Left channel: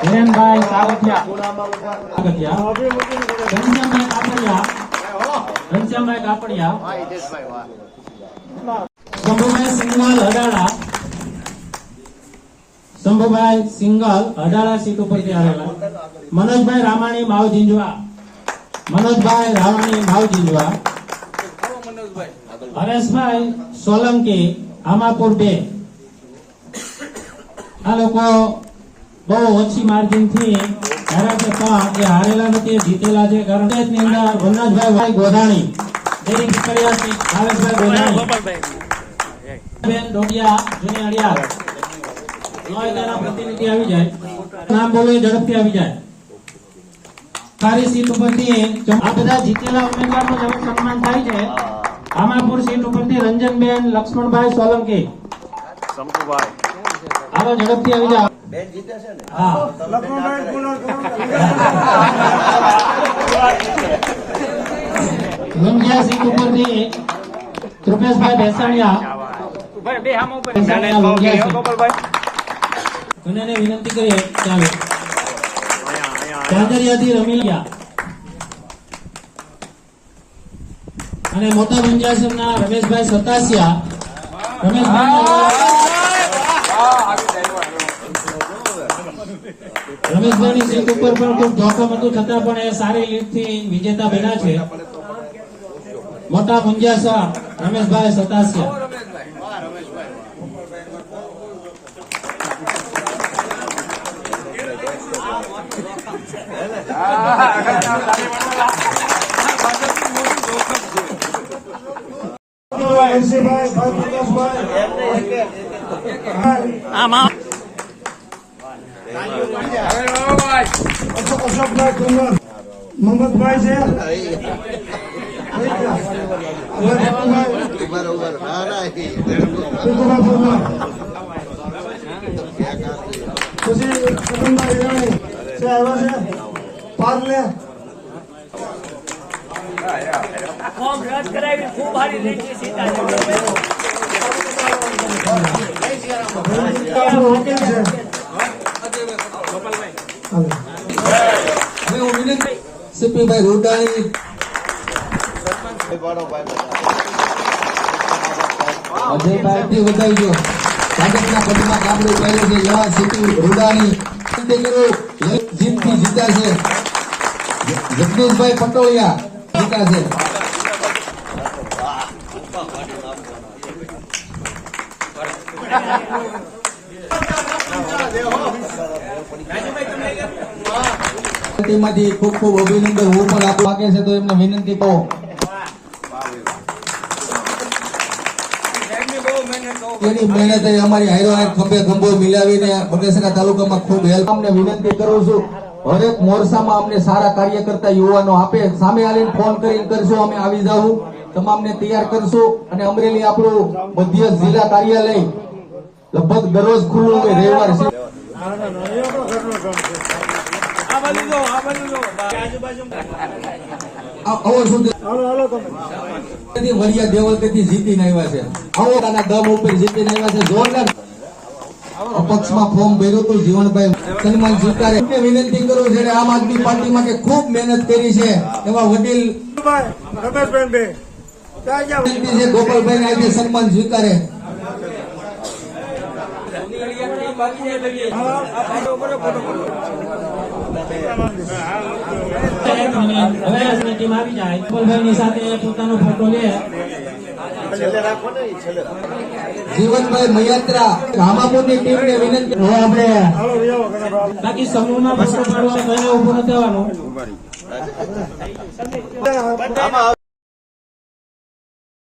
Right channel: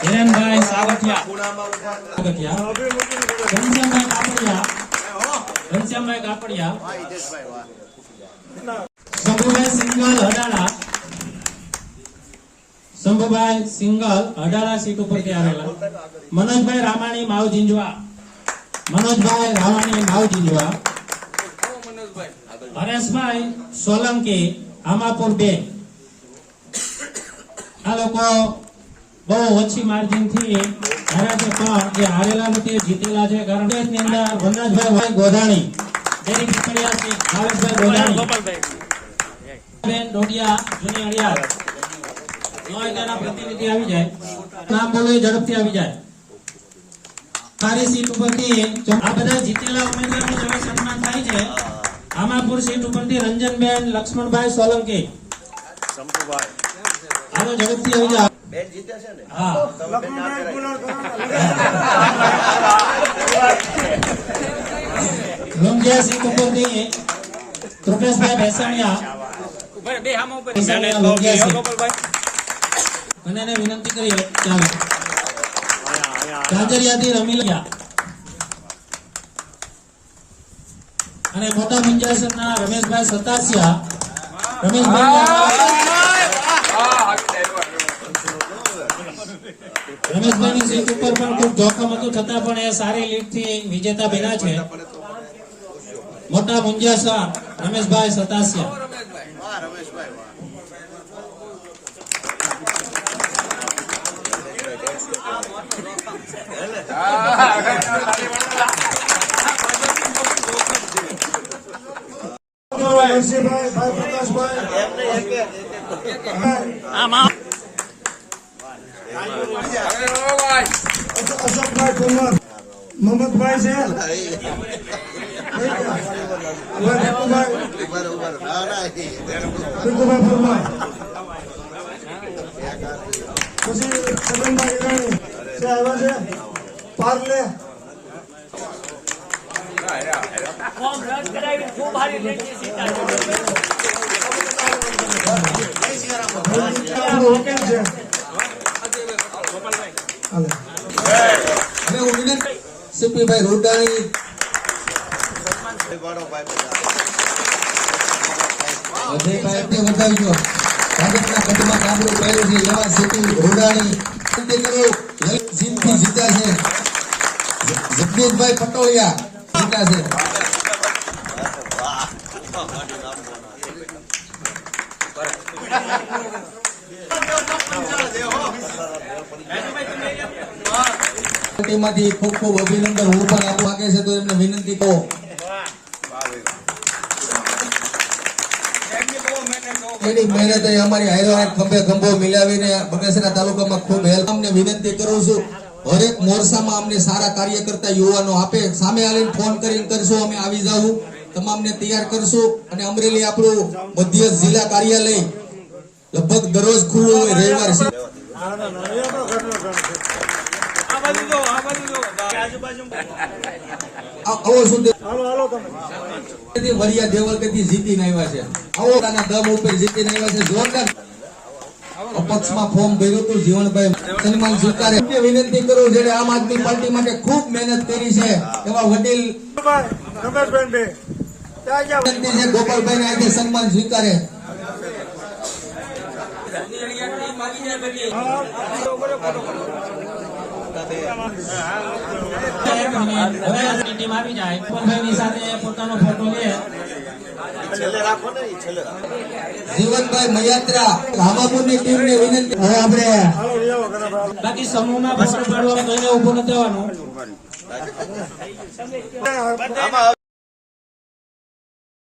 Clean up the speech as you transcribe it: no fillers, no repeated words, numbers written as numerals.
હિરેનભાઈ સાવઠિયા ઘનશ્યામભાઈ Kapadia Shambhubhai single અડાળા seat ઉપરથી આવેલા મનોજભાઈ રામાણી માવ જીંજવા હરેશભાઈ સોલંકી આમાપુર 2 આ લોકો બહુ ઓછી માર્જિન થી હાર્યા છે પણ જે હારેલા નથી જીતેલા છે કારણ કે ની અંદર વનરાજભાઈ ગોધાણી દેવી ટીકરિયાથી ભાવેશભાઈ ગોધાણી ગોપાલભાઈ ડોડિયા જૂની અડિયાર નોયડાના પ્રતિનિધિ આવી જાય નામ બોલે ઝડપથી આવી જાય સારી સીટ ઉપરથી આ બધા જીતેલા ઉમેદવારનું હવે સન્માન થાય છે આમાપુર સીટ ઉપરથી રંજનબેન લક્ષ્મણભાઈ સોલંકી શંભુભાઈ હાલો ઝડપથી આવી જાઓ બેન જીત્યા છે ને હા લંગિયા સીટ ઉપરથી કૃપેશભાઈ બેસાણિયા અને વિનંતી કરીએ ચાલો કાજરિયાથી રમીલિયા અને મોટા મંજાસરના રમેશભાઈ સતાસિયા રમેશભાઈની સીટ ઉપર પણ ખૂબ જોખમ હતું છતાં પણ એ સારી લીડ થી વિજેતા બન્યા છે મોટા મુંજાસર રમેશભાઈ સતાસિયા મમતભાઈ છે પાર્લે ફોર્મ રદ કરાવી ખૂબ સારી લેખી સીટ સીપીભાઈ રોડાણી અજયભાઈ વધાવજો ભાજપના પદમાં કામનું કર્યું છે એવા સીપી રોડાણી જીતથી જીત્યા છે જગદીશભાઈ પટોળિયા જીત્યા છે માંથી ખૂબ ખૂબ અભિનંદન હું પણ આપવા માંગે છે તો એમને વિનંતી કહો એની મહેનત અમારી હારો ખંભે ખંભો મિલાવીને બગસરા તાલુકામાં ખૂબ હેલ્પ અમને વિનંતી કરું છું હરેક મોરચામાં અમને સારા કાર્ય કરતા યુવાનો આપે સામે આવીને ફોન કરીને કરશું અમે આવી જાઉં તમામને તૈયાર કરશું અને અમરેલી આપણું મધ્ય જિલ્લા કાર્યાલય લગભગ દરરોજ ખુલ્લું હોય રવિવાર વરિયા દેવલકથી જીતીને આવ્યા છે આવડાના દમ ઉપર જીતીને આવ્યા છે જોરદાર અપક્ષમાં ફોર્મ ભર્યું હતું જીવનભાઈ સન્માન સ્વીકારે વિનંતી કરું જેને આમ આદમી પાર્ટી માટે ખૂબ મહેનત કરી છે એવા વડીલ વિનંતી છે ગોપાલભાઈ ને આજે સન્માન સ્વીકારે જીવનભાઈ મયાત્રા રામાપુરની ટીમને વિનંતી બાકી સમૂહમાં ઉભું નથી થવાનું